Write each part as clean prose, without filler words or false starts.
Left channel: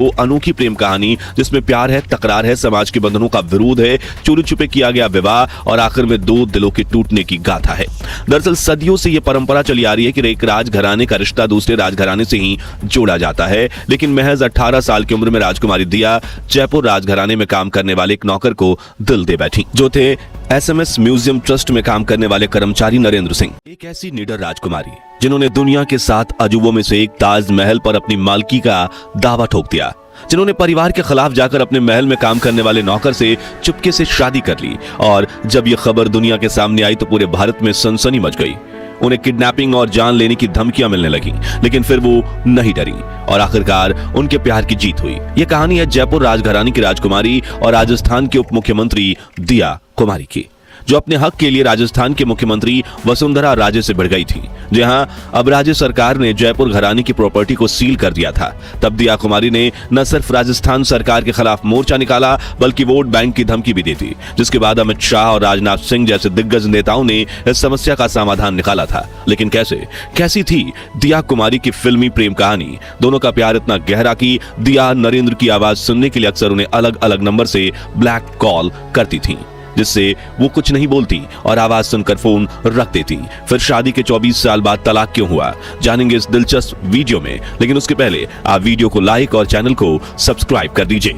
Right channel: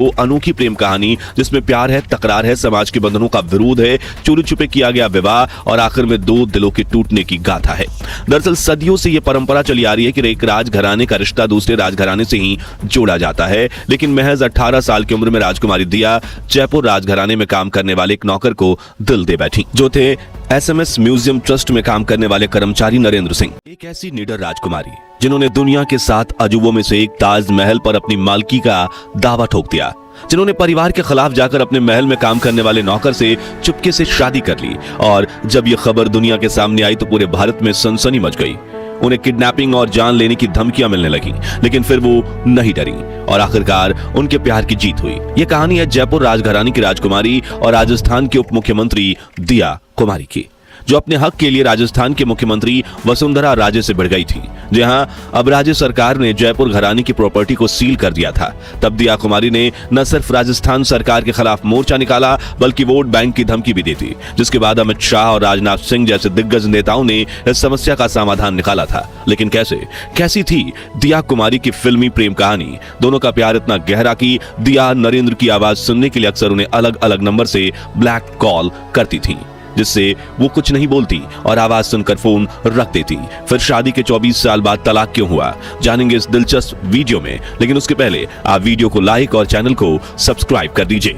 वो अनोखी प्रेम कहानी जिसमें प्यार है, तकरार है, समाज के बंधनों का विरोध है, चोरी छुपे किया गया विवाह और आखिर में दो दिलों के टूटने की गाथा है। दरअसल सदियों से ये परंपरा चली आ रही है कि एक राजघराने का रिश्ता दूसरे राजघराने से ही जोड़ा जाता है, लेकिन महज 18 साल की उम्र में राजकुमारी दिया जयपुर राजघराने में काम करने वाले एक नौकर को दिल दे बैठी, जो थे SMS म्यूजियम ट्रस्ट में काम करने वाले कर्मचारी नरेंद्र सिंह। एक ऐसी निडर राजकुमारी जिन्होंने दुनिया के 7 अजूबों में से एक ताजमहल पर अपनी मालकी का दावा ठोक दिया, जिन्होंने परिवार के खिलाफ जाकर अपने महल में काम करने वाले नौकर से चुपके से शादी कर ली और जब यह खबर दुनिया के सामने आई तो पूरे भारत में सनसनी मच गई। उन्हें किडनैपिंग और जान लेने की धमकियां मिलने लगी, लेकिन फिर वो नहीं डरी और आखिरकार उनके प्यार की जीत हुई। ये कहानी है जयपुर राजघराने की राजकुमारी और राजस्थान के उप मुख्यमंत्री दिया कुमारी की, जो अपने हक के लिए राजस्थान के मुख्यमंत्री वसुंधरा राजे से भिड़ गई थी। जहां अब राज्य सरकार ने जयपुर घराने की प्रॉपर्टी को सील कर दिया था, तब दिया कुमारी ने न सिर्फ राजस्थान सरकार के खिलाफ मोर्चा निकाला बल्कि वोट बैंक की धमकी भी दी थी, जिसके बाद अमित शाह और राजनाथ सिंह जैसे दिग्गज नेताओं ने इस समस्या का समाधान निकाला था। लेकिन कैसी थी दिया कुमारी की फिल्मी प्रेम कहानी। दोनों का प्यार इतना गहरा कि दिया नरेंद्र की आवाज सुनने के लिए अक्सर उन्हें अलग अलग नंबर से ब्लैक कॉल करती थी, जिससे वो कुछ नहीं बोलती और आवाज सुनकर फोन रख देती। फिर शादी के 24 साल बाद तलाक क्यों हुआ, जानेंगे इस दिलचस्प वीडियो में, लेकिन उसके पहले आप वीडियो को लाइक और चैनल को सब्सक्राइब कर दीजिए।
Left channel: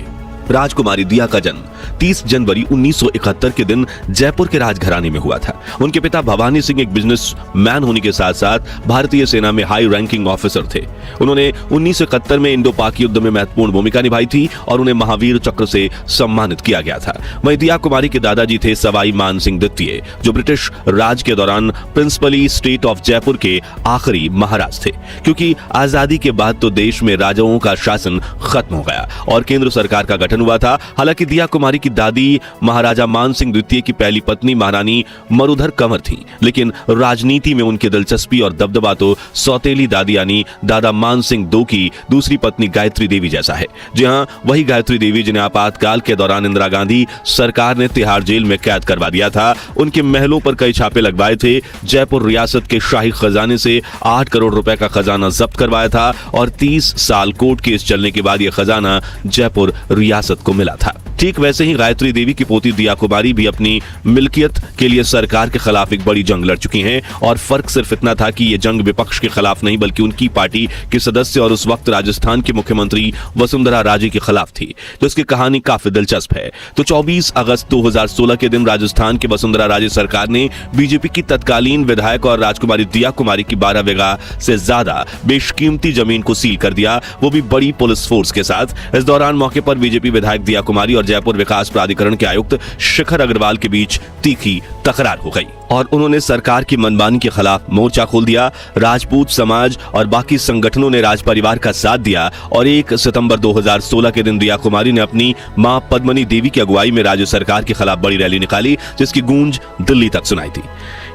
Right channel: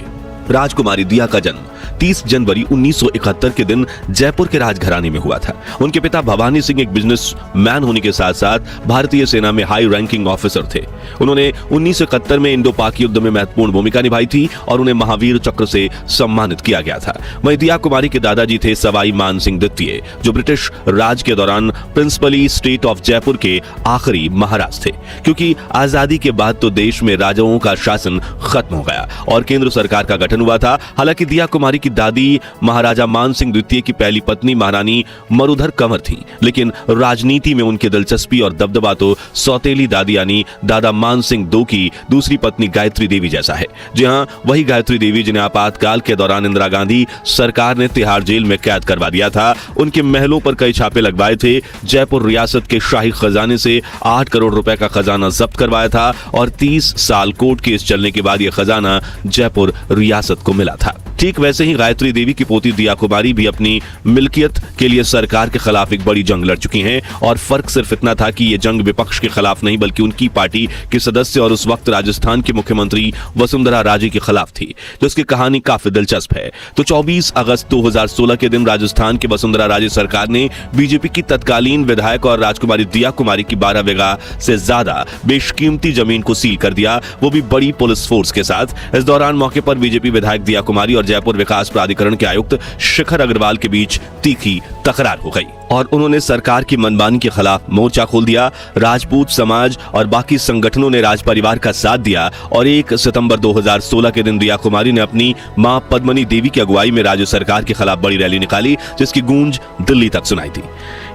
राजकुमारी दिया का जन्म 30 जनवरी 1971 के दिन जयपुर के राजघराने में हुआ था। उनके पिता भवानी सिंह एक बिजनेसमैन होने के साथ साथ भारतीय सेना में हाई रैंकिंग ऑफिसर थे। उन्होंने 1971 में इंडो पाक युद्ध में महत्वपूर्ण भूमिका निभाई थी और उन्हें महावीर चक्र से सम्मानित किया गया था। वहीं दिया कुमारी के दादाजी थे सवाई मान सिंह द्वितीय, जो ब्रिटिश राज के दौरान प्रिंसिपली स्ट्रीट ऑफ जयपुर के आखिरी महाराज थे, क्योंकि आजादी के बाद तो देश में राजाओं का शासन खत्म हो गया और केंद्र सरकार का गठन हुआ था। हालांकि दिया कुमारी की दादी महाराजा मान सिंह द्वितीय की पहली पत्नी महारानी मरुधर कंवर थी, लेकिन राजनीति में उनकी दिलचस्पी और दबदबा तो सौतेली दादी यानी दादा मान सिंह दो की दूसरी पत्नी गायत्री देवी जैसा है। जी हाँ, वही गायत्री देवी जिन्हें आपातकाल के दौरान इंदिरा गांधी सरकार ने तिहाड़ जेल में कैद करवा दिया था। उनके महलों पर कई छापे लगवाए थे, जयपुर रियासत के शाही खजाने से 8 करोड़ रुपए का खजाना जब्त करवाया था और 30 साल कोर्ट केस चलने के बाद यह खजाना जयपुर रियासत को मिला था। ठीक वैसे ही गायत्री देवी की पोती दिया कुमारी भी अपनी मिल्कियत के लिए सरकार के खिलाफ एक बड़ी जंग लड़ चुकी हैं और फर्क सिर्फ इतना था कि ये जंग विपक्ष के खिलाफ नहीं बल्कि उनकी पार्टी के सदस्य और उस वक्त राजस्थान के मुख्यमंत्री वसुंधरा राजे के खिलाफ थी। तो इसकी कहानी काफी दिलचस्प है। तो 24 अगस्त 2016 के दिन राजस्थान की वसुंधरा राजे सरकार ने बीजेपी की तत्कालीन विधायक और राजकुमारी दिया कुमारी की 12 बीघा से ज्यादा बेशकीमती जमीन को सील कर दिया, वो भी बड़ी पुलिस फोर्स के साथ। इस दौरान मौके पर बीजेपी विधायक दिया कुमारी और जयपुर विकास प्राधिकरण के आयुक्त शिखर अग्रवाल के बीच तीखी तकरार हो गई और उन्होंने सरकार की मनमानी के खिलाफ मोर्चा खोल दिया। राजपूत समाज और बाकी संगठनों ने राज परिवार का साथ दिया और 1 सितंबर 2016 के दिन दिया कुमारी ने अपनी मां पद्मनी देवी की अगुवाई में राज्य सरकार के खिलाफ बड़ी रैली निकाली, जिसकी गूंज दिल्ली तक सुनाई थी।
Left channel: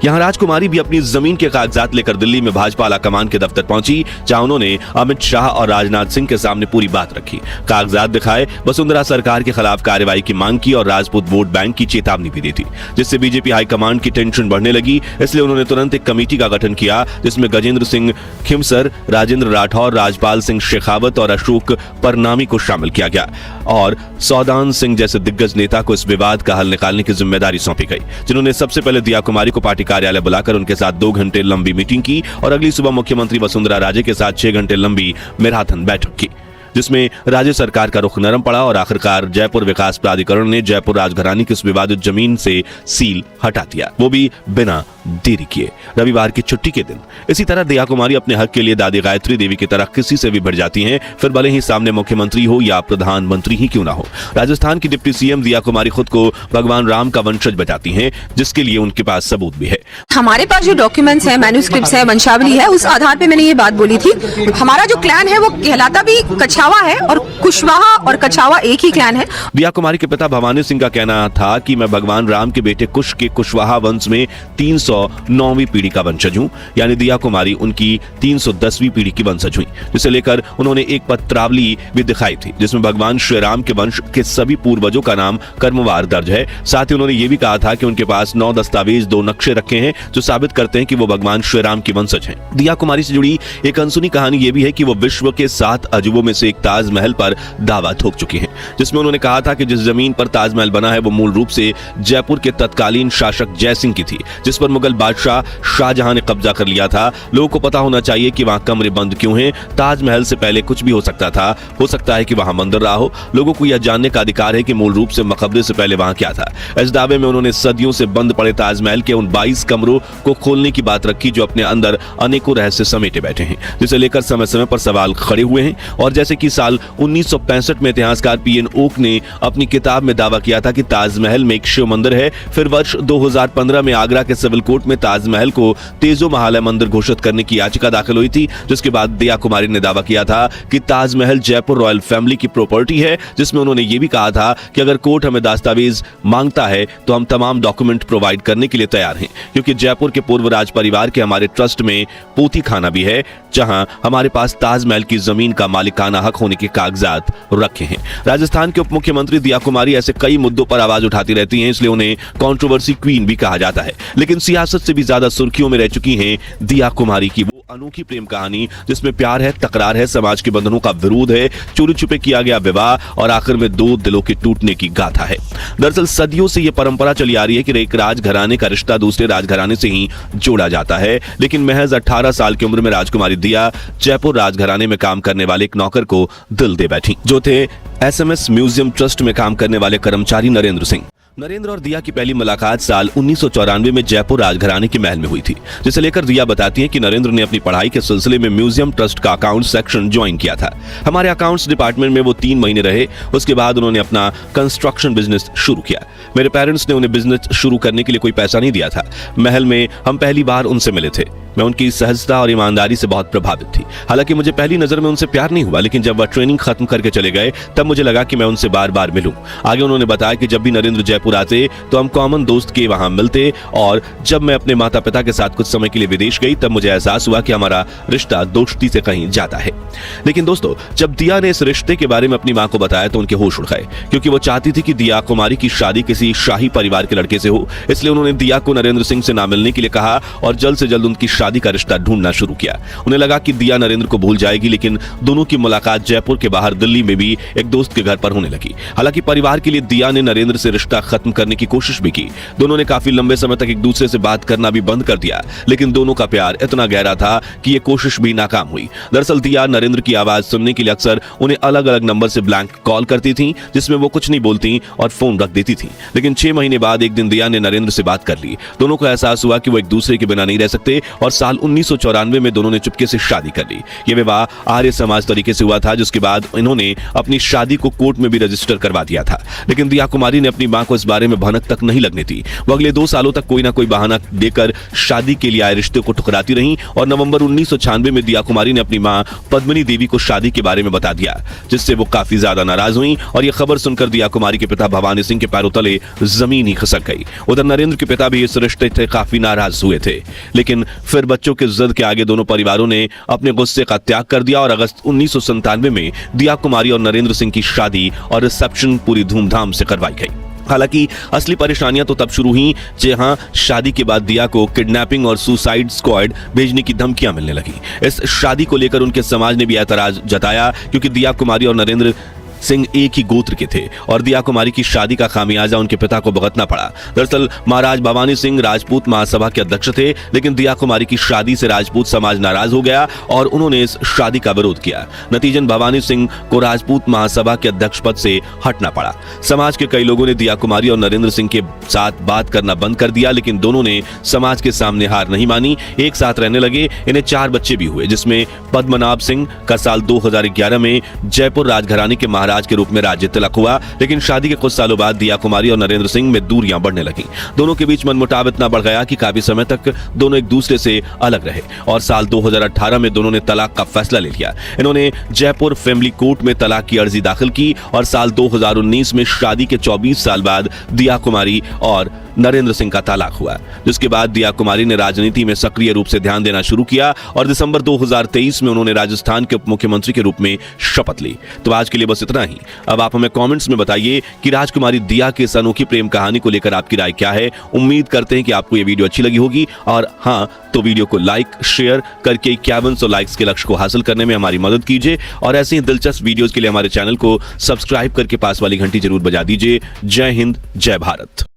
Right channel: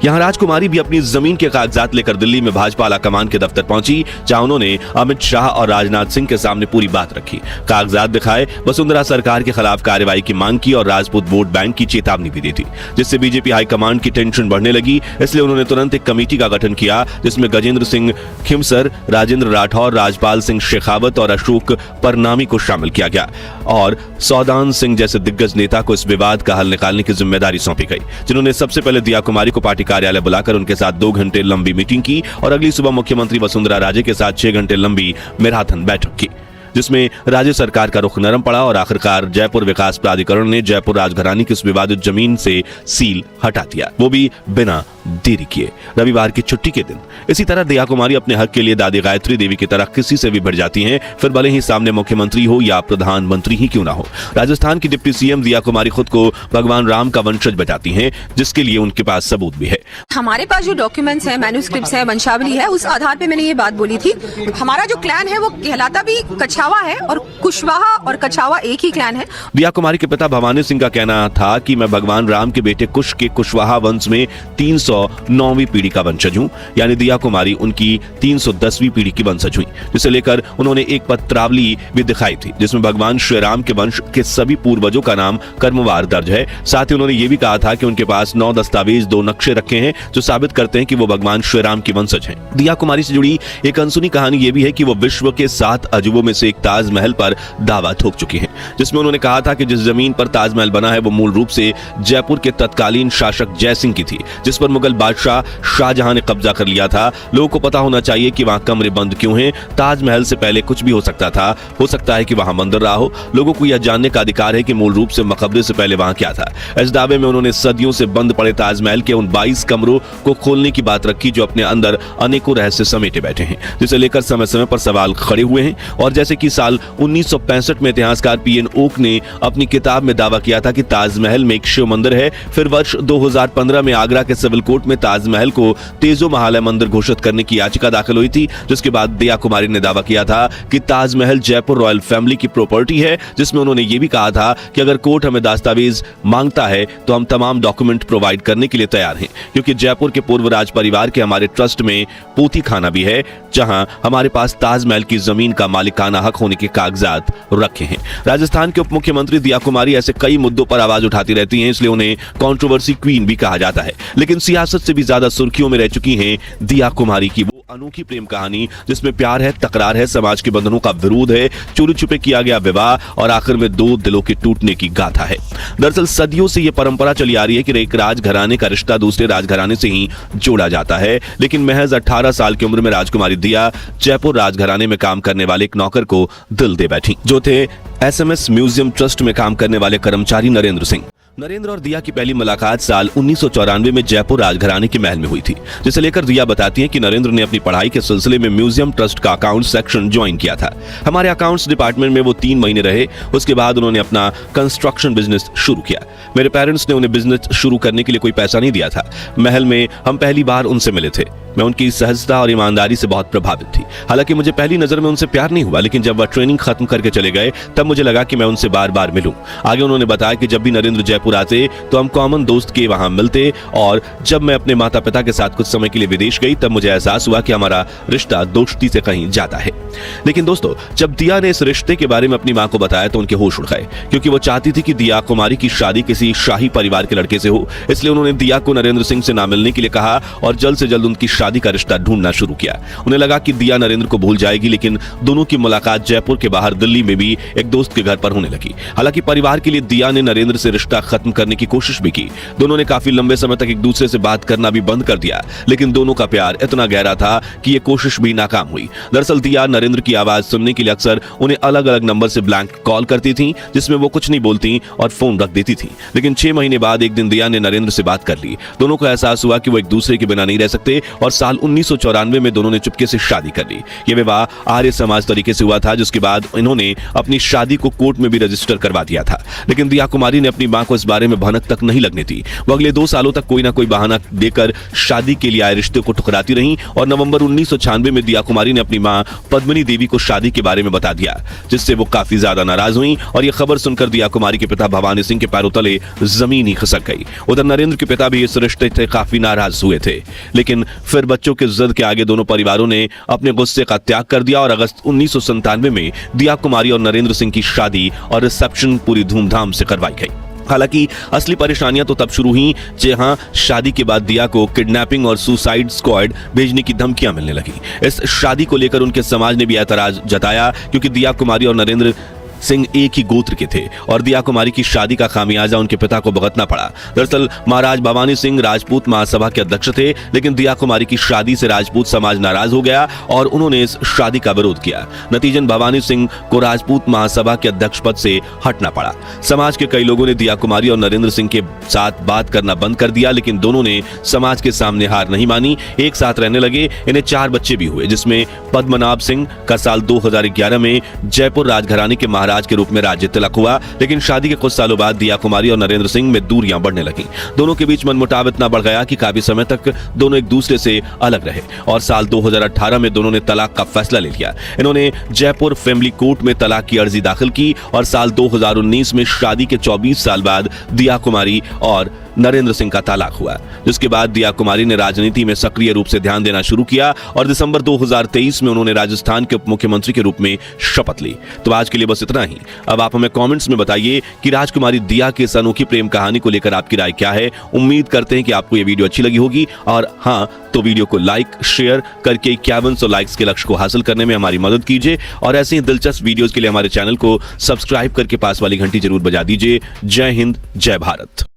यहाँ राजकुमारी भी अपनी जमीन के कागजात लेकर दिल्ली में भाजपा आलाकमान के दफ्तर पहुंची, जहां उन्होंने अमित शाह और राजनाथ सिंह के सामने पूरी बात रखी, कागजात दिखाए, वसुंधरा सरकार के खिलाफ कार्रवाई की मांग की और राजपूत वोट बैंक की चेतावनी भी दी थी, जिससे बीजेपी हाईकमान की टेंशन बढ़ने लगी। इसलिए उन्होंने तुरंत एक कमेटी का गठन किया, जिसमें गजेंद्र सिंह खिमसर, राजेंद्र राठौर, राजपाल सिंह शेखावत और अशोक परनामी को शामिल किया गया और सौदान सिंह जैसे दिग्गज नेता को इस विवाद का हल निकालने की जिम्मेदारी सौंपी गई, जिन्होंने सबसे पहले दिया कुमारी को पार्टी कार्यालय बुलाकर उनके साथ 2 घंटे लंबी मीटिंग की और अगली सुबह मुख्यमंत्री वसुंधरा राजे के साथ 6 घंटे लंबी मैराथन बैठक की, जिसमें राज्य सरकार का रुख नरम पड़ा और आखिरकार जयपुर विकास प्राधिकरण ने जयपुर राजघराने की इस विवादित जमीन से सील हटा दिया, वो भी बिना देरी किए रविवार की छुट्टी के दिन। इसी तरह दिया कुमारी अपने हक के लिए दादी गायत्री देवी की तरह किसी से भी बढ़ जाती हैं, फिर भले ही सामने मुख्यमंत्री हो या प्रधानमंत्री ही क्यों ना हो। राजस्थान की डिप्टी सीएम दिया कुमारी खुद को भगवान राम का वंशज बताती हैं, जिसके लिए उनके पास सबूत भी है। हमारे पास जो डॉक्यूमेंट्स हैं, मैन्युस्क्रिप्ट्स है, वंशावली है, उस आधार पे मैंने ये बात बोली थी। हमारा जो क्लैन है वो कहलाता भी कछावा है और कुशवाहा और कछावा एक ही क्लैन है। दिया कुमारी के पिता भवानी सिंह का कहना था कि मैं भगवान राम के बेटे कुश के कुशवाहा वंश में 309वीं पीढ़ी का वंशज हूँ, यानी दिया कुमारी उनकी 310वीं पीढ़ी की वंशज हुई, जिसे लेकर उन्होंने एक पत्रावली भी दिखाई थी, जिसमें भगवान श्री राम के वंश के सभी पूर्वजों का नाम कर्मवार दर्ज है। साथ ही उन्होंने ये भी कहा था कि उनके पास 9 दस्तावेज, 2 नक्शे रखे हैं जो साबित करते हैं कि वो भगवान श्री राम की वंशज हैं। दिया कुमारी से जुड़ी एक अनसुनी कहानी ये भी है कि वो विश्व के 7 अजूबों में से से एक ताजमहल पर दावा ठोक चुकी है, जिसमें उन्होंने कहा था कि जिस जमीन पर ताजमहल बना है वो मूल रूप से जयपुर के तत्कालीन शासक जय सिंह की थी, जिस पर मुगल बादशाह शाहजहां ने कब्जा कर लिया था। लोगों को पता होना चाहिए कि वहां कमरे बंद क्यों हैं। ताजमहल से पहले कुछ भी हो सकता था, हो सकता है कि वहां मंदिर रहा हो। लोगों को यह जानने का अधिकार है कि मूल रूप से मकबरे से पहले वहां क्या था। इस दावे में उन्होंने सदियों से बंद पड़े ताजमहल के उन 22 कमरों को खोलने की बात रखी जो अपने अंदर अनेकों रहस्य समेटे बैठे हैं, जिसे लेकर समय समय पर सवाल खड़े हुए हैं। और जैसे कि साल 1965 में इतिहासकार पीएन ओक ने अपनी किताब में दावा किया था कि ताजमहल में एक शिव मंदिर है। फिर वर्ष 2015 में आगरा के सिविल कोर्ट में ताजमहल को तेजो महालय मंदिर घोषित करने की याचिका दाखिल हुई थी, जिसके बाद दिया कुमारी ने दावा किया था कि ताजमहल जयपुर रॉयल फैमिली की प्रॉपर्टी है, जिसमें उन्होंने ये भी कहा था कि अगर कोर्ट हमें दस्तावेज मांगता है तो हम तमाम डॉक्यूमेंट प्रोवाइड करने के लिए तैयार हैं, क्योंकि जयपुर के पूर्व राज परिवार के हमारे ट्रस्ट में पोथी खाना भी है, जहां हमारे पास ताजमहल की जमीन का मालिकाना हक होने के कागजात रखे हैं। राजस्थान के उप मुख्यमंत्री दिया कुमारी ऐसे कई मुद्दों पर आवाज उठाती रहती हैं, इसलिए उन्हें कंट्रोवर्सी क्वीन भी कहा जाता है। लेकिन सियासत से भी ज्यादा सुर्खियों में रह चुकी है दिया कुमारी की वो अनोखी प्रेम कहानी, जिसमें प्यार है, तकरार है, समाज के बंधनों का विरोध है, चोरी छुपे किया गया विवाह और आखिर में दो दिलों के टूटने की गाथा है। दरअसल सदियों से यह परंपरा चली आ रही है कि एक राजघराने का रिश्ता दूसरे राजघराने से ही जोड़ा जाता है, लेकिन महज 18 साल की उम्र में राजकुमारी दिया जयपुर राजघराने में काम करने वाले एक नौकर को दिल दे बैठी, जो थे एसएमएस म्यूजियम ट्रस्ट में काम करने वाले कर्मचारी नरेंद्र सिंह। नरेंद्र और दिया की पहली मुलाकात साल 1994 में जयपुर राजघराने के महल में हुई थी, जिसे लेकर दिया बताती है कि नरेंद्र ने अपनी पढ़ाई के सिलसिले में म्यूजियम ट्रस्ट का अकाउंट सेक्शन ज्वाइन किया था। हमारे अकाउंट्स डिपार्टमेंट में वो 3 महीने रहे। उसके बाद उन्होंने अपना कंस्ट्रक्शन बिजनेस शुरू किया। मेरे पेरेंट्स ने उन्हें बिजनेस शुरू करने के लिए कोई पैसा नहीं दिया था। महल में हम पहली बार उनसे मिले थे। मैं उनकी सहजता और ईमानदारी से बहुत प्रभावित थी। हालांकि मुझे पहली नजर में उनसे प्यार नहीं हुआ, लेकिन जब वह ट्रेनिंग खत्म करके चले गए तब मुझे लगा कि मैं उनसे बार बार मिलूं। आगे उन्होंने बताया कि जब भी नरेंद्र जयपुर आते तो हम कॉमन दोस्त के वहां मिलते, और जब मैं अपने माता पिता के साथ कुछ समय के लिए विदेश गई तब मुझे एहसास हुआ कि हमारा रिश्ता दोस्ती से कहीं ज्यादा है। लेकिन दोस्तों, जब दिया ने इस रिश्ते के बारे में अपनी मां को बताया तो उनके होश उड़ गए, क्योंकि वो चाहती थी कि दिया कुमारी की शादी किसी शाही परिवार के लड़के से हो। इसलिए उन्होंने दिया को नरेंद्र सिंह से ना मिलने के लिए कहा और जल्द से जल्द उनकी शादी का रिश्ता ढूंढना शुरू किया। उन्हें लगा कि दिया नरेंद्र को भूल जाएगी, लेकिन दोनों की मुलाकात जयपुर के बाहर दिल्ली में भी एक दोस्त के घर पर होने लगी। हालांकि परिवार के लिए दिया ने नरेंद्र से रिश्ता खत्म करने की कोशिश भी की। दोनों ने काफी लंबे समय तक एक दूसरे से बात करना भी बंद कर दिया, लेकिन दोनों का प्यार इतना गहरा था कि ये कोशिश भी नाकाम हुई। दरअसल दिया नरेंद्र की आवाज सुनने के लिए अक्सर उन्हें अलग अलग नंबर से ब्लैंक कॉल करती थी, जिसमें वो कुछ नहीं बोलती और फोन रख देती थी। लेकिन 6 महीने बाद एक दिन दिया ने नरेंद्र से बात कर ली। दोनों को एहसास हुआ कि वो एक दूसरे के बिना नहीं रह सकते, और साल 1994 में दोनों ने चुपके से शादी कर ली। ये विवाह आर्य समाज तरीके से हुआ था, जिसके बाद इन्होंने अपनी शादी को कोर्ट में भी रजिस्टर करवा दिया था। लेकिन दिया कुमारी ने अपनी मां को इस बारे में भनक तक नहीं लगने दी। वो अगले 2 सालों तक कोई ना कोई बहाना देकर शादी के लिए आए रिश्ते को ठुकराती रही, और नवंबर 1996 में दिया कुमारी ने अपनी मां पद्मिनी देवी को शादी के बारे में बता दिया, जिससे वो काफी ज्यादा नाराज हुई। और ये खबर सुनकर दिया कुमारी के पिता भवानी सिंह के पैरों तले जमीन ही खिसक गई। उधर नरेंद्र के पिता भी इस रिश्ते से काफी नाराज हुए थे, लेकिन फिर बच्चों के जिद के आगे दोनों परिवारों ने अपने गुस्से का त्याग कर दिया और अगस्त 1997 में दिया कुमारी और नरेंद्र सिंह की शादी और रिसेप्शन पूरी धूमधाम से करवाई गई। हालांकि असली परेशानियां तो तब शुरू हुई जहां शादी के बाद दिया को किडनैपिंग और सुसाइड स्क्वाड भेजने की धमकियां मिलने लगी। इस शादी को लेकर उनके समाज ने भी ऐतराज जताया, क्योंकि दिया कुमारी और नरेंद्र सिंह एक ही गोत्र के थे और दिया कुमारी की शादी का खामियाजा उनके पिता को भुगतना पड़ा। दरअसल महाराज भवानी सिंह राजपूत महासभा के अध्यक्ष थे, लेकिन दिया कुमारी की शादी से राजपूत समाज नाराज हो गया और उन्होंने इस शादी का विरोध किया। नतीजन भवानी सिंह को राजपूत महासभा के अध्यक्ष पद से हटना पड़ा। समाज के कई लोगों ने दिया कुमारी और नरेंद्र सिंह के साथ बात करना बंद कर दिया, लेकिन दोनों ने समाज के सामने हार नहीं मानी, एक साथ रहने लगे। इन्हें 4 बच्चे भी हुए, जिसमें पद्मनाभ सिंह का साल 2011 में जयपुर राजघराने के महाराज के रूप में राज्य तिलक हुआ। लेकिन शादी के कुछ सालों बाद दिया कुमारी और नरेंद्र सिंह में दूरियां बढ़ने लगी। दोनों के बीच मनमुटाव इतना बढ़ गया कि काफी समय तक दोनों एक दूसरे से अलग रहे और साल 2018 में दोनों ने तलाक का फैसला ले लिया। इन्होंने जयपुर फैमिली कोर्ट में तलाक की अर्जी दाखिल की और साल 2019 में शादी के 24 साल बाद दिया कुमारी और नरेंद्र सिंह का तलाक हुआ, जिसके बाद दिया कुमारी ने राजनीति में सक्रिय रूप से ध्यान देना शुरू किया और दिसंबर 2023 में उन्होंने राजस्थान के उप मुख्यमंत्री के रूप में शपथ ली। तो आज के लिए बस इतना ही। अब आप हमें कमेंट्स में बताइए कि राजकुमारी दिया की इस अनोखी प्रेम कहानी को लेकर आपकी राय क्या है। उम्मीद करते हैं कि आपको ये वीडियो अच्छी लगी होगी, और हाँ, तो वीडियो को लाइक शेयर करके 5100 लाइक्स के लक्ष्य को हासिल करने में हमारी मदद कीजिए, और ऐसे ही दिलचस्प वीडियोस के लिए हमारे चैनल को सब्सक्राइब करके पास वाली घंटी जरूर बजा दीजिए। जय हिंद, जय भारत।